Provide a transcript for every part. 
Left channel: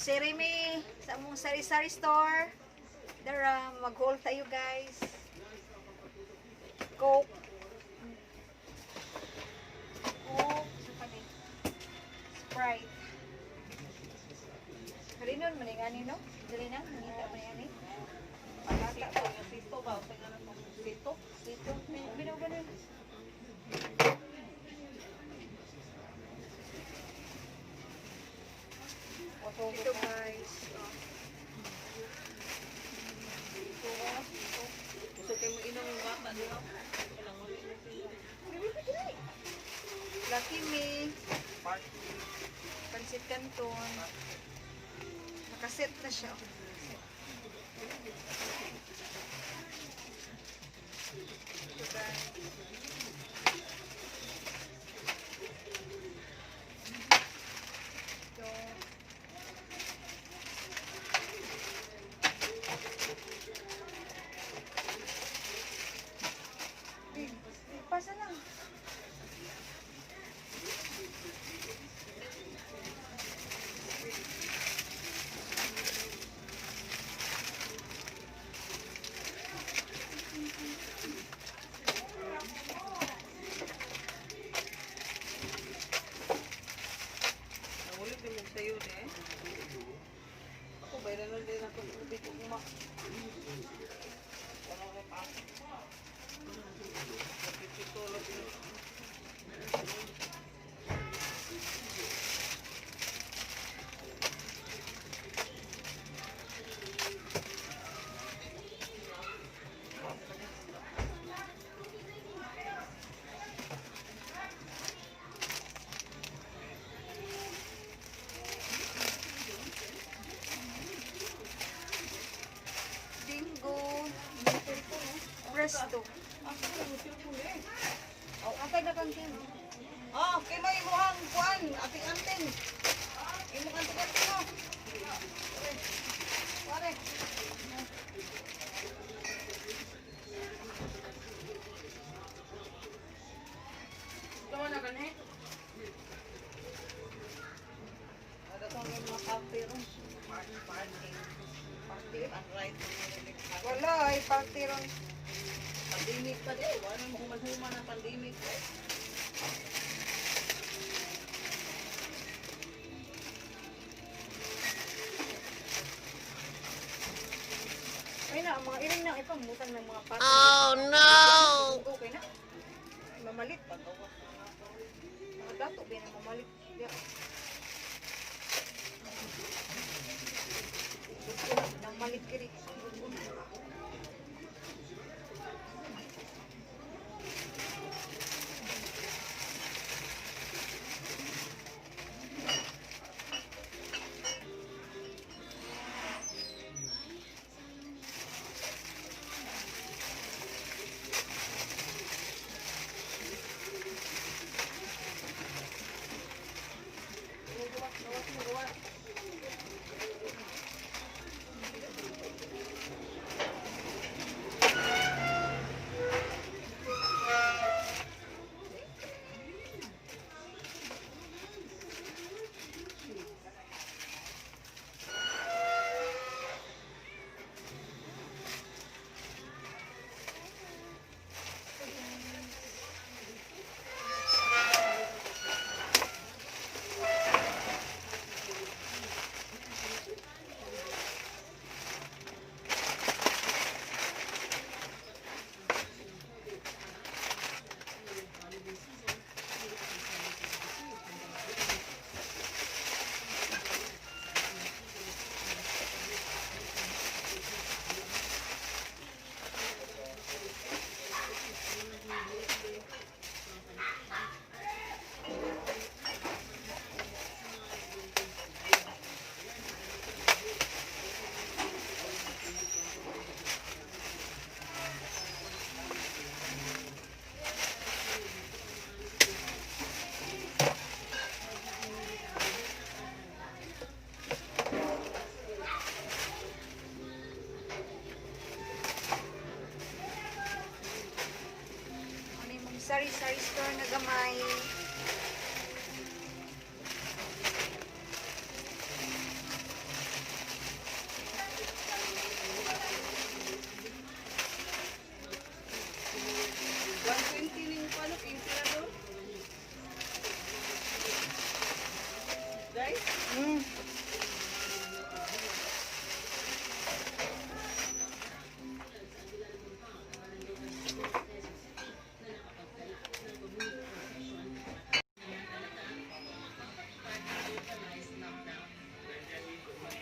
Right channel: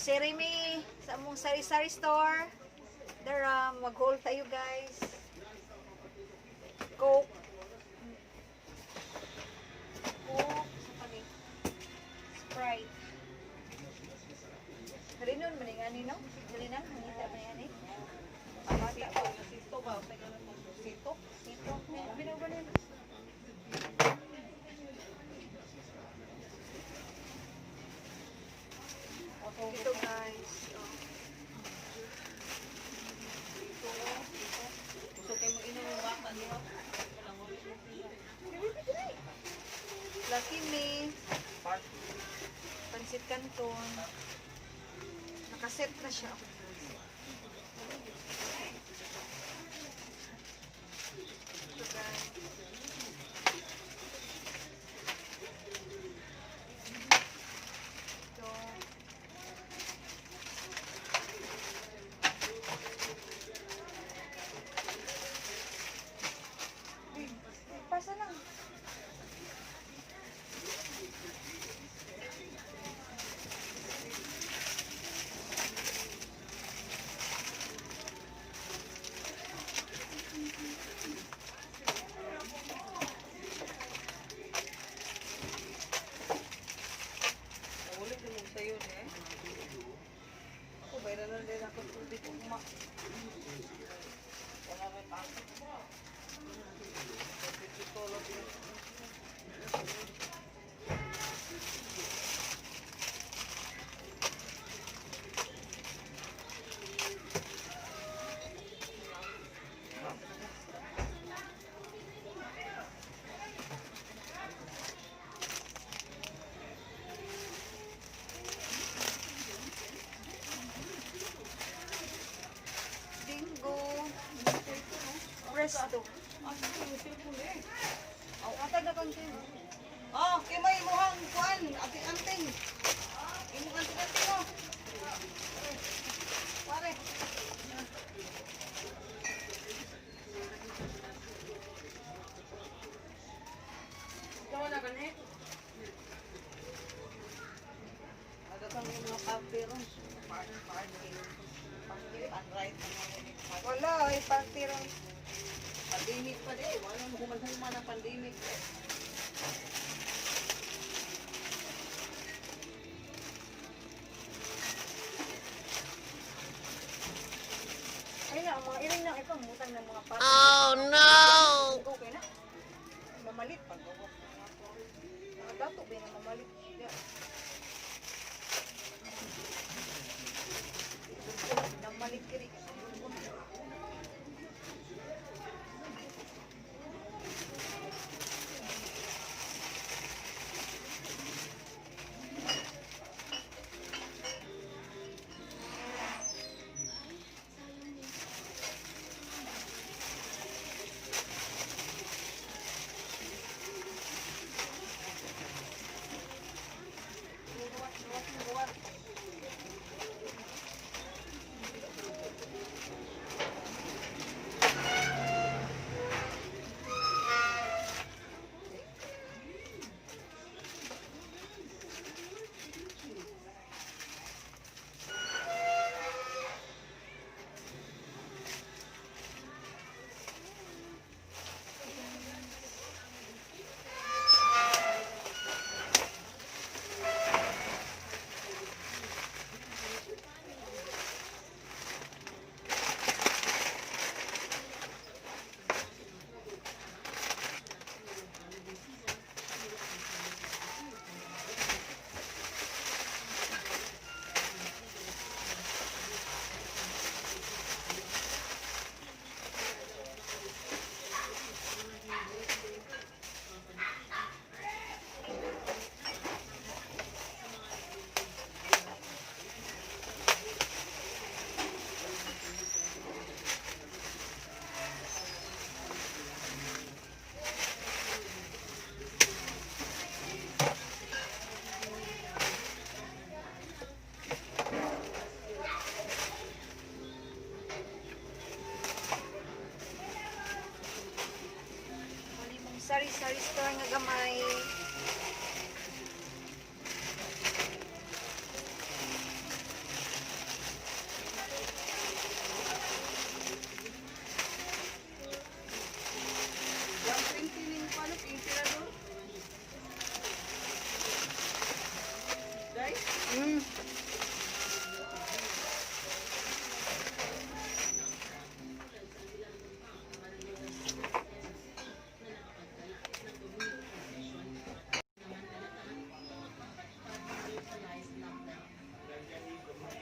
grocery me sa among sari-sari store. Dara, mag-haul tayo guys. Coke. Coke. Sprite. Harinon, maningani no? Dili na, manita maningani. Sito, yung sito ba? Sito? Dito, binaw ganun. Ito guys. Gusto kayo mo inom yung bata, di ba? Lucky Me. Pansit Canton. Nakaset na siya. Ito guys. Ito. Pasa lang. Naulit yung mong sayo eh. Ako, bayra na din ako sa di ko uma. Wala kayo pasok. Ito lang yun. Bingo. Presto. Oh, atay na kang team. Oh, kay may imuhang kuan, ating-anting. Imuhang anting-anting mo. Pare. Tawa na ganit. Nadatang yung mga party ron. Party. Right. Wala, ay party ron. Pandemic pa din. Wala mo human-human ng pandemic. Ay na, ang mga iring na ipamutan ng mga party. Oh no! Okay na. Ay, mamalit. Mga dato ba na mamalit. Yeah. Mamalit kiri. Sari-sari store nga gamay.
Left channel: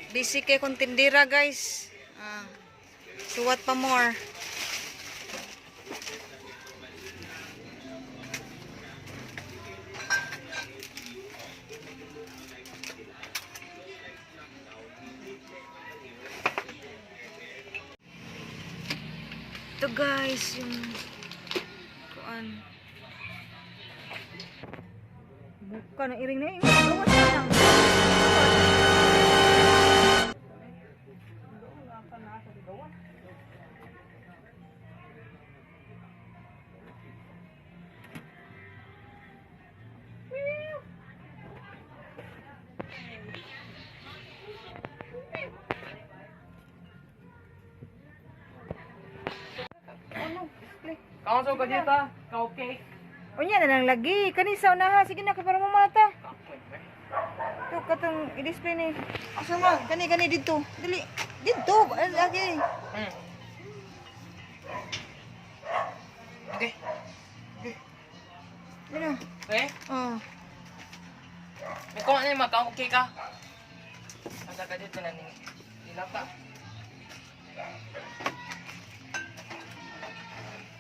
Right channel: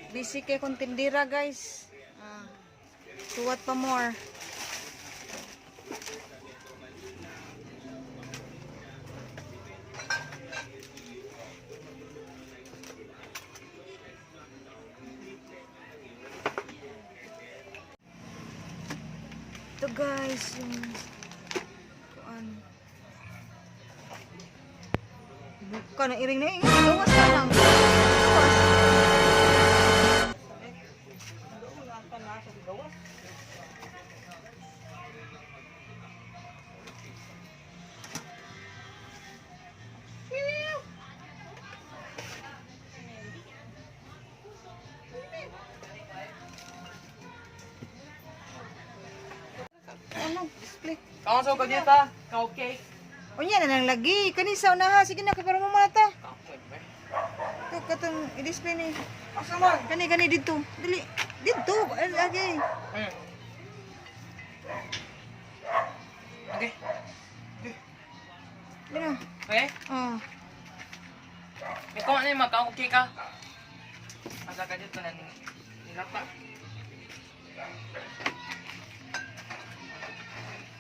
Busy kay kong tindira guys. Suwat pa more. Ito guys, yung kuan. Buka na iring na iring. Gawas na lang. Gawas. Doon lang ka na sa gawas. Kaon sa kadita, ka okay. Unya na lang lagi. Kanisa unaha. Sige na, kay para mo mata. Ito, katong i-display ni. Asa man? Kani dito. Dili. Dito. Lagi. Okay. Dino. Okay? Oh. Ikaw ano yung maka okay ka? Asa ka dito na nilata.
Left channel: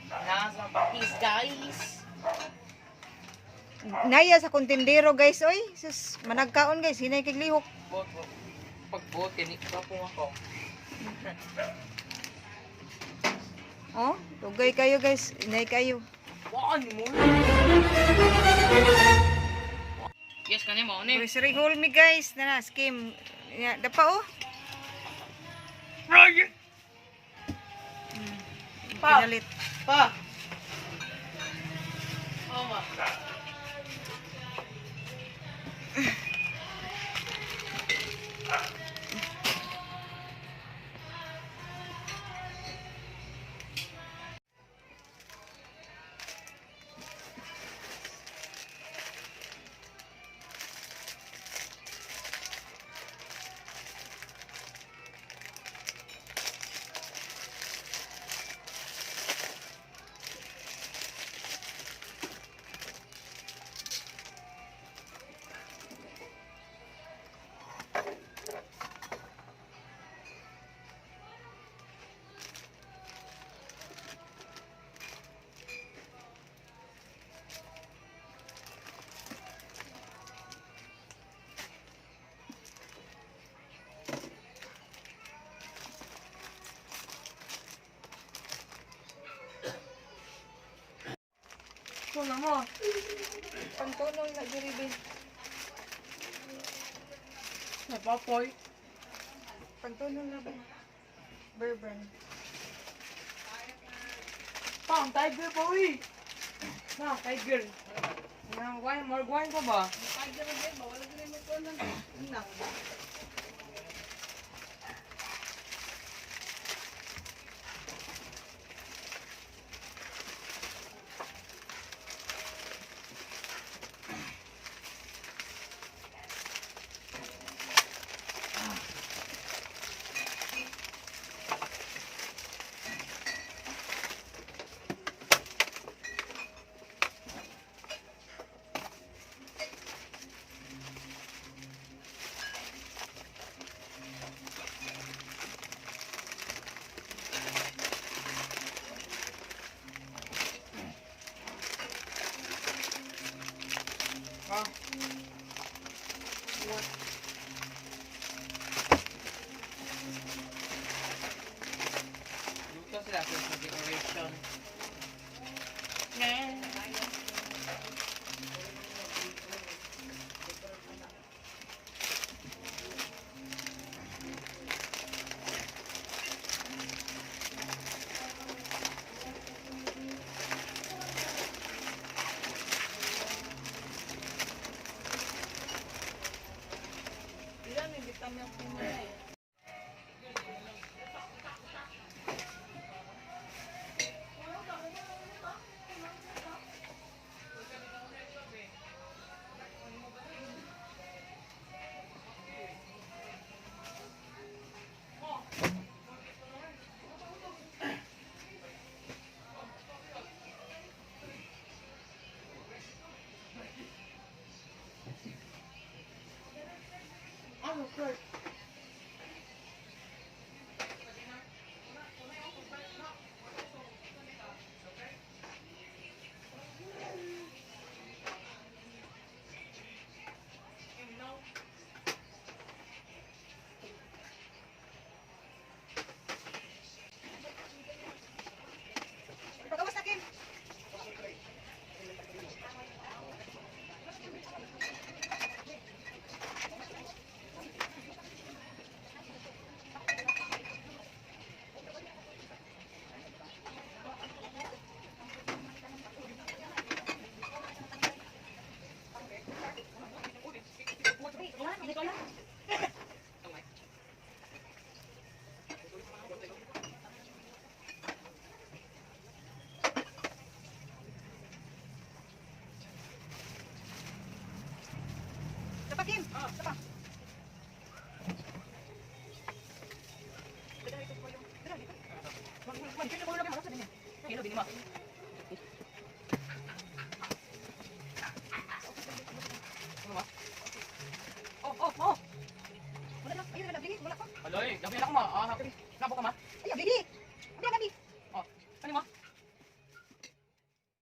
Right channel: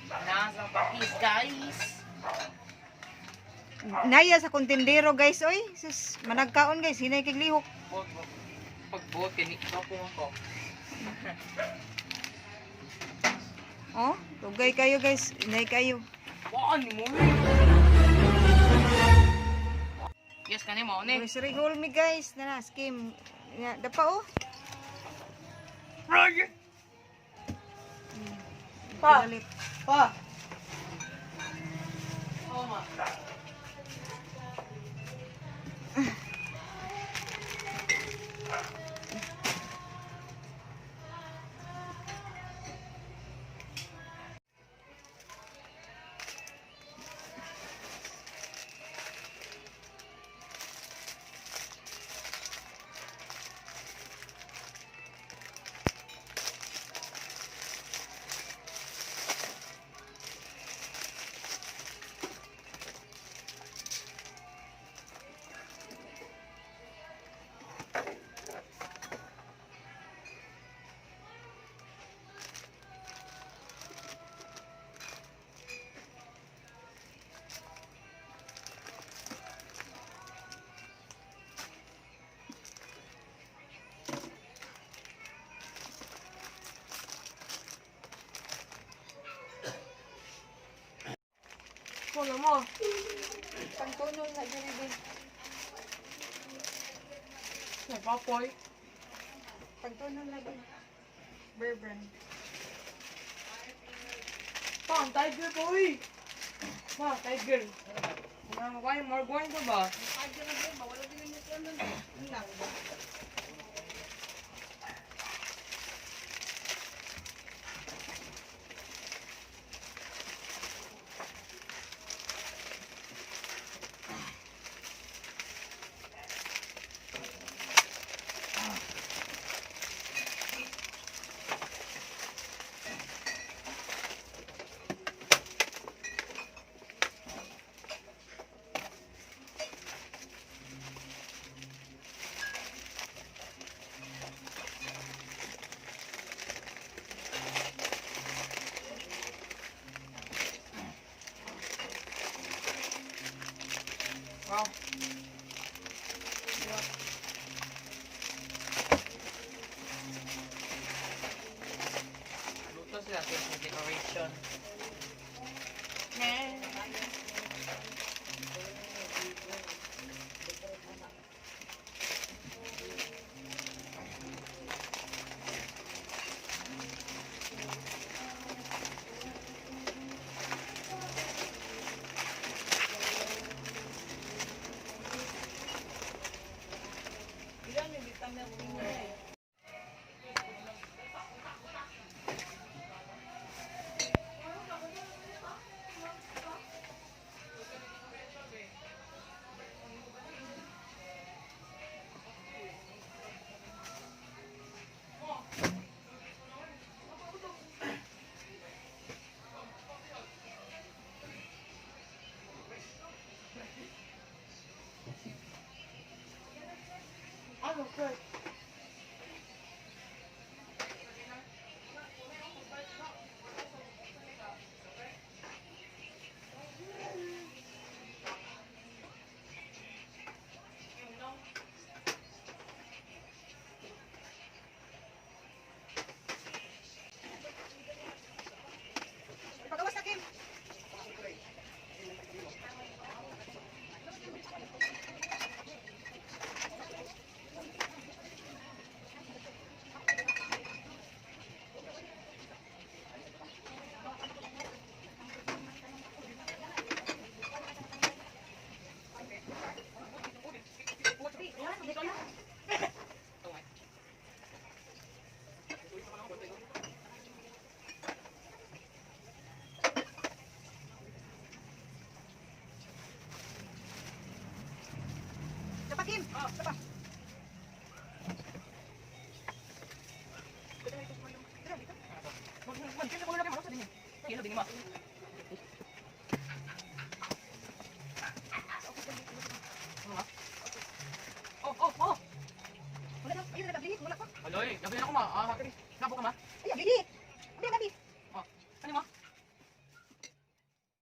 Nasa pakis guys. Naya sa kontendero guys. Oy. Sus. Managkaon guys. Hinay kay lihok. Pag-buot kay Nika po ako. Oh. Tugay kayo guys. Hinay kayo. Waan mo. Yes, kani mo ni. Grocery haul me guys. Nana. Skim. Dapa oh. Roger. Pa. Pinalit. Pa. Oh ma. Kuno mo. Pangtunong na diri din. Napapoy. Pangtunong na din. Bourbon. Pang tiger boy. Na, tiger. Na, wine, more wine ka ba? Ah. Luto sila sa decoration. Ilan hindi kami ang pinulay. Ano, Kurt? ma.